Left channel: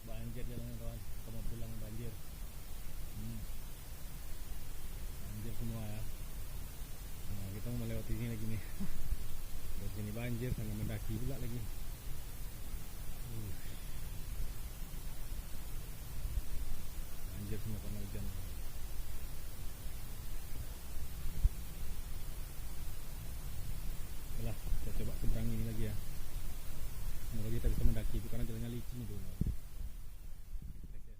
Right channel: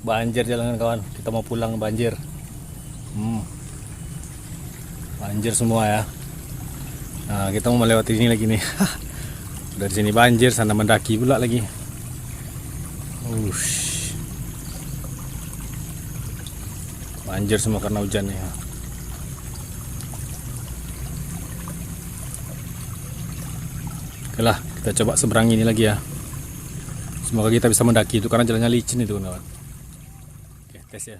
Banjir jalanan kawan. Kita mau pulang banjir. Banjir semua ya. Nah, kita mau melewati ini lagi nih. Dari sini banjir, sana mendaki pula lagi. Banjir semua karena hujan nih. Oke lah, kita coba seberang ini lagi ya. Semoga kita bisa mendaki itu karena jalannya licin itu kawan. Oke, tes ya.